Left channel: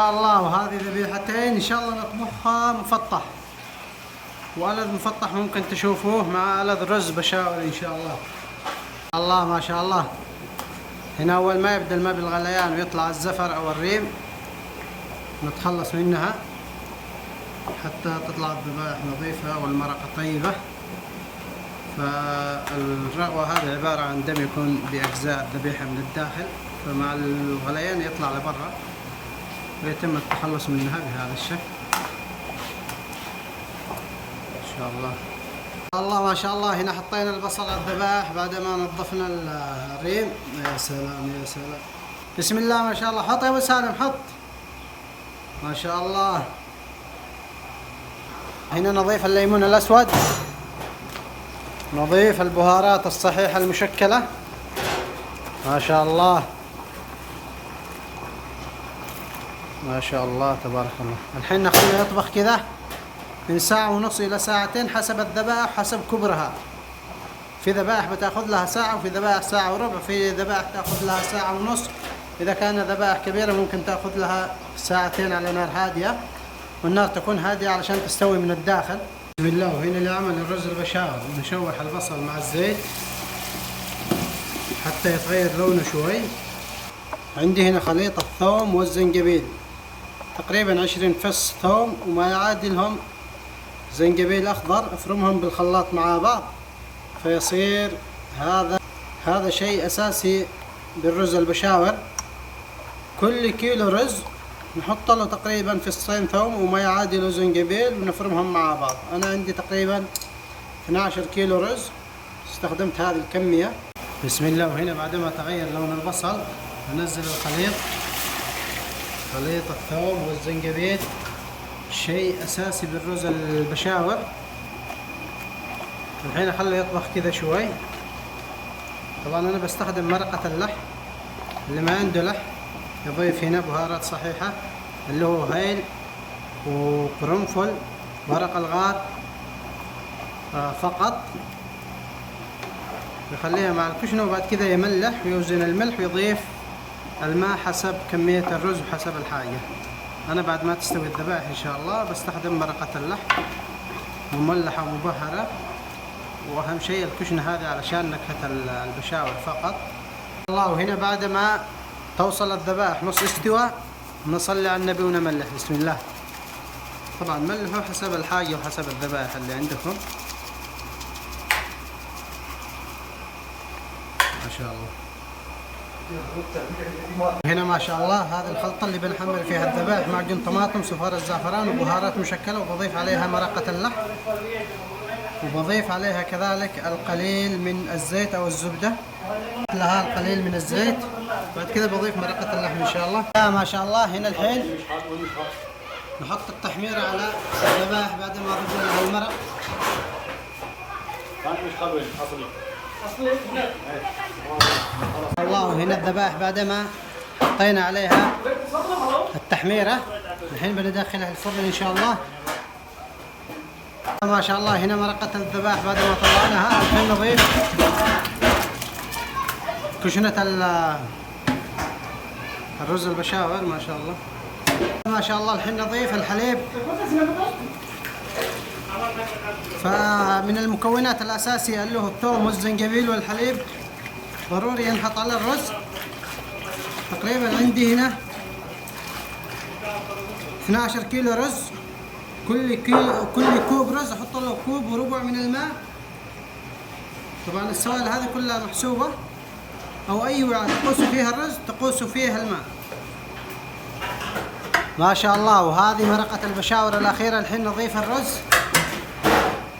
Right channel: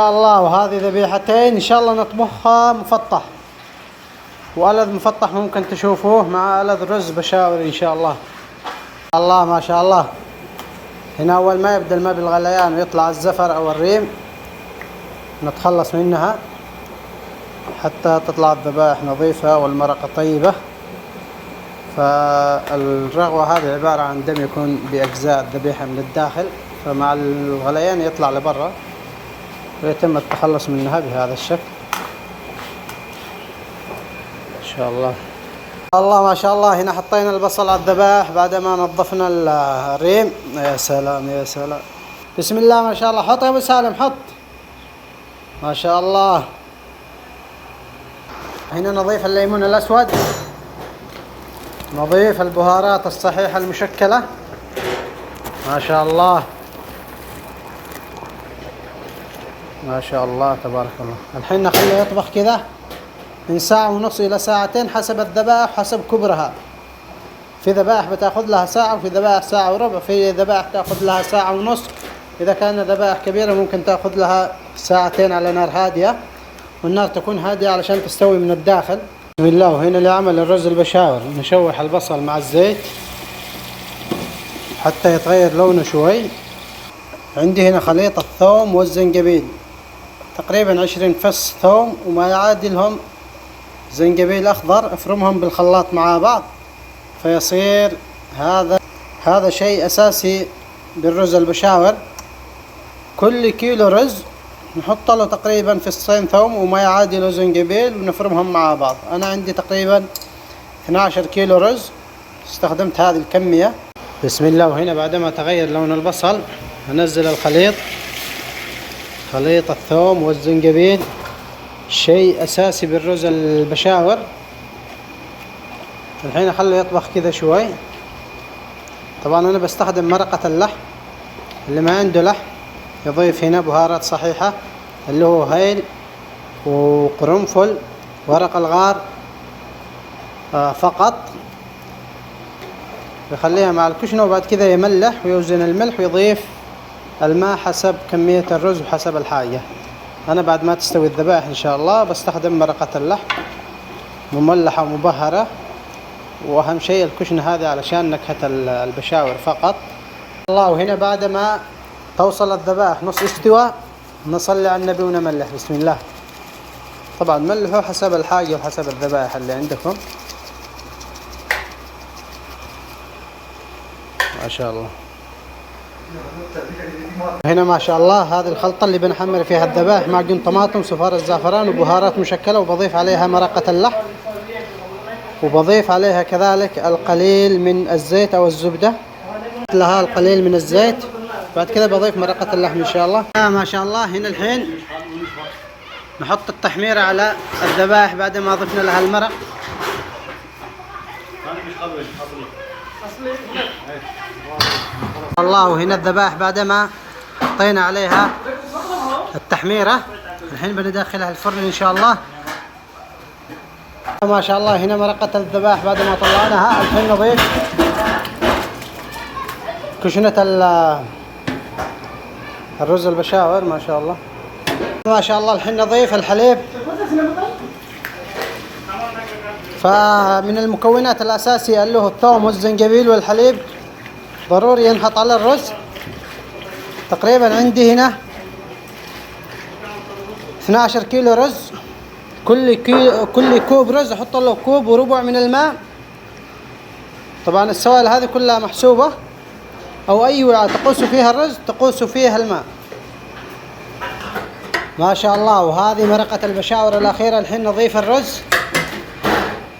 شاء الله. وهذه ذبيحتين ان شاء الله نطبخها مفطح، والذ مفطح ممكن تشوفوه مع الذ رز بشاور ان شاء الله. الله ما شاء الله. هنا اول ما يبدا الماء بالغليان ويطلع الزفر او الريم نتخلص منها حتى تطلع الذبائح نظيفة والمرقة طيبة. فالرغوة هذه عبارة عن دم يكون بأجزاء الذبيحة من الداخل، فمع الغليان يطلع لبرا ويتم التخلص منها بهذا الشكل ان شاء الله. الله ما شاء الله. هنا حطينا البصل على الذبائح بعدما نظفنا الريم. يا سلام يا سلام، بسم الله ما شاء الله. حط يا ابو سالم، حط ما شاء الله. هنا نضيف الليمون الاسود، نضيف البهارات الصحيحة المشكلة ما شاء الله ما شاء الله تبارك الله. الحين نخليه يطبخ كذا من ساعة ونص إلى ساعتين حسب الذبائح حسب كبرها. في ذبائح بتاخذ لها ساعة، وفي ذبائح ساعة وربع، في ذبائح تاخذ لها ساعة ونص. إذا كان ذبائح كبيرة ممكن تاخذ لها ساعتين على نار هادية، والنار تكون هادية علشان تستوي من الداخل. بسم الله. وهنا لعمل الرز البشاور نشوح البصل مع الزيت حتى يتغير لونه شوي. عندي هنا خليط الثوم والزنجبيل، تقريبا 20 فص ثوم وما يعادلهم زنجبيل أخضر، افرمهم بالخلاط مع بعض فيصير هذا شيء أساسي بالرز البشاور. كل كيلو رز نحط له تقريبا فصين ثوم وما يعادل زنجبيل ونفرمهم مع بعض. أنا عندي تقريبا 12 كيلو رز استخدمت هذه الكمية. بسم الله. وهنا بعدما تغير لون البصل هنزل الخليط، خليط الثوم والزنجبيل شيء أساسي بالرز البشاور. الحين أخليه يطبخ كذا شوي. طبعا أنا بستخدم مرقة اللحم، اللي ما عنده لحم يضيف هنا بهارات صحيحة اللي هو هيل وقرنفل ورق الغار فقط، يخليها مع الكشنة وبعد كذا يملح ويوزن الملح ويضيف الماء حسب كمية الرز وحسب الحاجة. أنا بعد ما تستوي الذبائح إن شاء الله بستخدم مرقة اللحم مملحة ومبهرة، وأهم شيء الكشنة هذه علشان نكهة البشاور فقط. الله. وهنا بعد ما توصل الذبائح نص استوى نصلي على النبي ونملح. بسم الله. طبعا ملحوا حسب الحاجة وحسب الذبائح اللي عندكم ما شاء الله. هنا ما شاء الله هذه الخلطة اللي بنحمر فيها الذبائح، معجون طماطم صفار الزعفران وبهارات مشكلة، وبضيف عليها مرقة اللحم، وبضيف عليها كذلك القليل من الزيت أو الزبدة، لها القليل من الزيت. بعد كذا بضيف مرقة اللحم إن شاء الله. ما شاء الله. هنا الحين نحط التحميرة على الذبائح بعد ما ضفنا لها المرق. الله. وهنا الذبائح بعد ما حطينا عليها التحميرة الحين بندخلها الفرن إن شاء الله. ما شاء الله. هنا مرقة الذبائح بعد ما طلعناها الحين نضيف كشنة الرز البشاور ما شاء الله ما شاء الله. الحين نضيف الحليب. فمن المكونات الأساسية اللي هو الثوم والزنجبيل والحليب ضروري ينحط على الرز. تقريبا عندي هنا 12 كيلو رز، كل كوب رز احط له كوب وربع من الماء. طبعا السوائل هذه كلها محسوبة، او اي وعاء تقوس فيها الرز تقوس فيها الماء ما شاء الله. وهذه مرقة البشاور الأخيرة. الحين نضيف الرز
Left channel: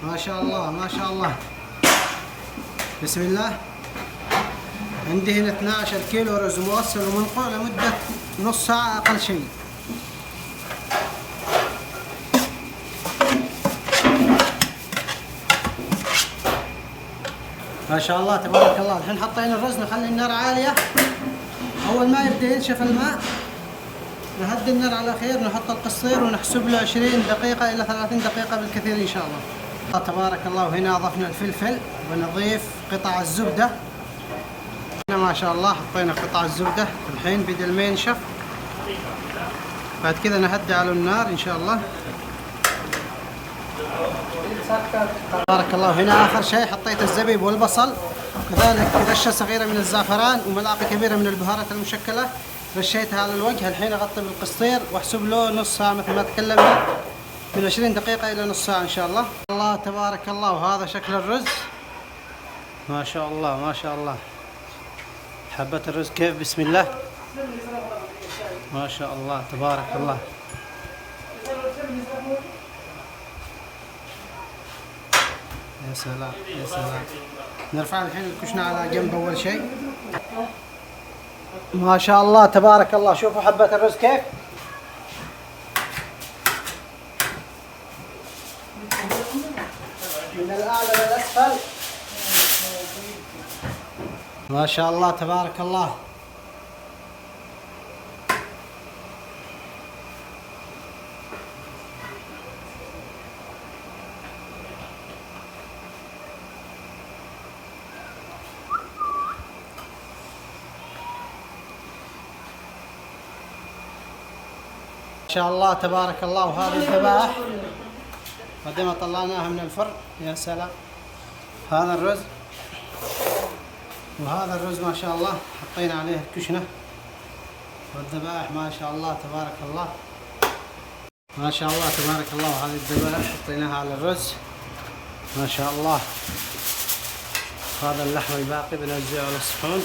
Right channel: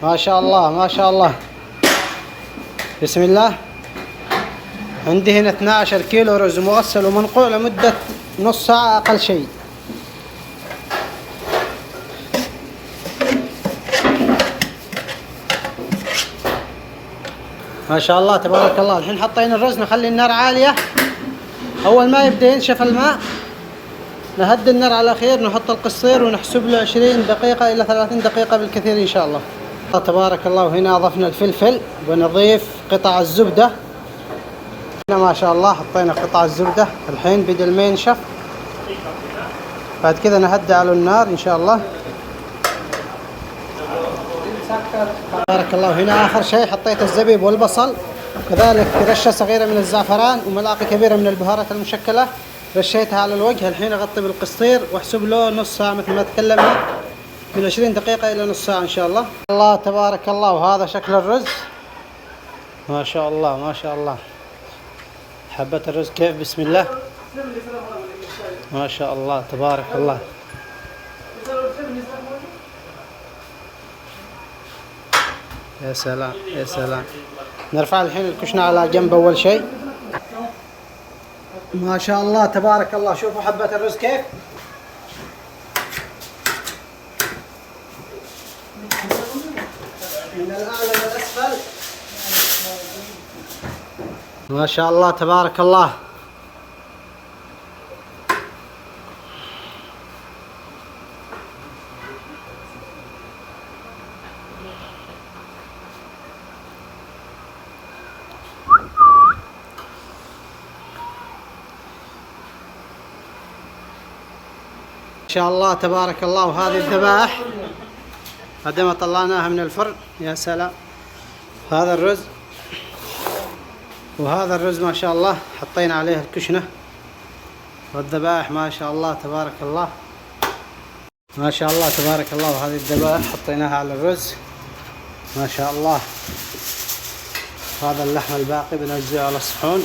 ما شاء الله ما شاء الله. بسم الله. عندي هنا 12 كيلو رز مغسل ومنقوع لمدة نص ساعة أقل شيء. ما شاء الله تبارك الله. الحين حطينا الرز نخلي النار عالية، أول ما يبدأ ينشف الماء نهدي النار على خير، نحط القصير ونحسب له 20 دقيقة إلى 30 دقيقة بالكثير إن شاء الله. تبارك الله. وهنا أضفنا الفلفل ونضيف قطع الزبدة. هنا ما شاء الله حطينا قطع الزبدة. الحين بدل ما ينشف بعد كذا نهدي على النار إن شاء الله. بارك الله. هنا آخر شيء حطيت الزبيب والبصل، وكذلك رشة صغيرة من الزعفران وملعقة كبيرة من البهارات المشكلة، رشيتها على الوجه. الحين أغطي بالقسطير واحسب له نص ساعة مثل ما تكلمنا، من 20 دقيقة إلى نص ساعة إن شاء الله. الله تبارك الله. وهذا شكل الرز، ما شاء الله ما شاء الله. حبة الرز كيف، بسم الله ما شاء الله تبارك الله. يا سلام يا سلام. نرفع الحين الكشنة على جنب أول شيء. ما شاء الله تبارك الله. شوفوا حبة الرز كيف. من الأعلى للأسفل. ما شاء الله تبارك الله. ما شاء الله تبارك الله. وهذه الذبائح بعد ما طلعناها من الفرن. يا سلام. هذا الرز، وهذا الرز ما شاء الله حطينا عليه الكشنة والذبائح. ما شاء الله تبارك الله ما شاء الله تبارك الله. وهذه الذبائح حطيناها على الرز ما شاء الله. هذا اللحم الباقي بنوزعه على الصحون.